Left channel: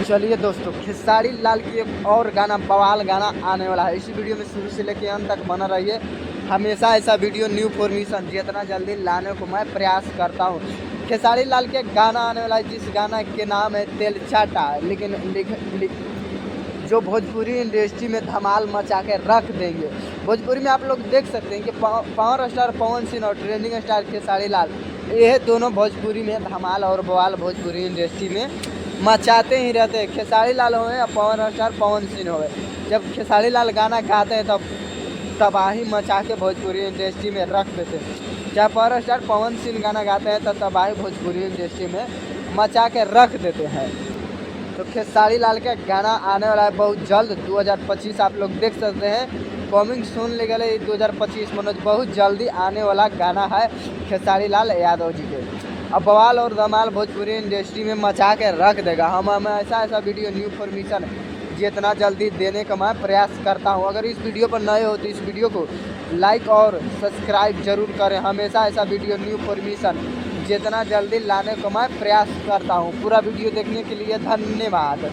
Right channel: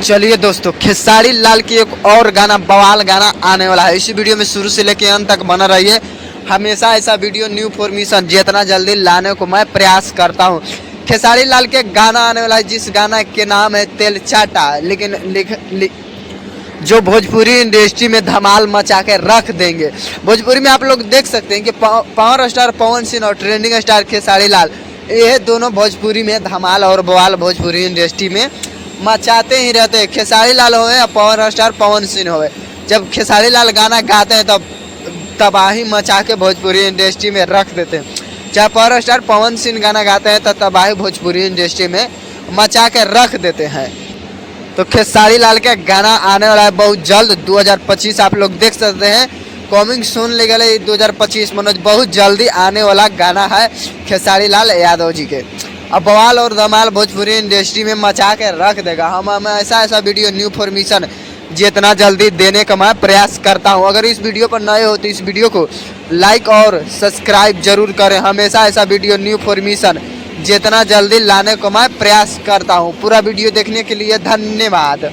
चलिए दोस्तों, खेसारी लाल की एक और गाना बवाल गाना आने वाला है। इसी वीडियो में शुरू से लेकर अंत तक बना रहिए। हमेशा ऐसा वीडियो न्यू फॉर्मेशन जितना जल्दी लाने को मैं प्रयास करता हूं। खेसारी लाल के गाना आने वाला है, जिस गाना के नाम है तेल चाटा, लेकिन जो भोजपुरी इंडस्ट्री में धमाल मचा के रख देंगे। भोजपुरी में आप लोग देख सकते हैं कि पावर स्टार पवन सिंह और ट्रेंडिंग स्टार खेसारी लाल, ये दोनों भोजपुरी में धमाल और बवाल भोजपुरी इंडस्ट्री में मचाते ही रहते हैं। खेसारी लाल होए या पावर स्टार पवन सिंह होए, जब खेसारी लाल गाना गाते हैं तब तबाही मचा के भोजपुरी इंडस्ट्री में रख देते हैं। चाहे पावर स्टार पवन सिंह गाना गाते हैं तो तबाही भोजपुरी इंडस्ट्री में मचा के रख देते हैं। तो खेसारी लाल का गाना आने वाला है बहुत जल्द, 2025 आप लोग देख सकते हैं। कमिंग सून ले गए 2025 मनोज, बहुत जल्दी आने वाला गाना है खेसारी लाल यादव जी के। अब बवाल और धमाल भोजपुरी इंडस्ट्री में मचा के रख देगा। हम ऐसा वीडियो न्यू फॉर्मेशन जितना जल्दी देने का मैं प्रयास करता हूं। अगर इस वीडियो पर नए हो तो इस वीडियो को लाइक और सब्सक्राइब जरूर करें। हमेशा ऐसा वीडियो न्यू फॉर्मेशन जितना जल्दी लाने को मैं प्रयास करता हूं। पूरा वीडियो देखने के लिए धन्यवाद।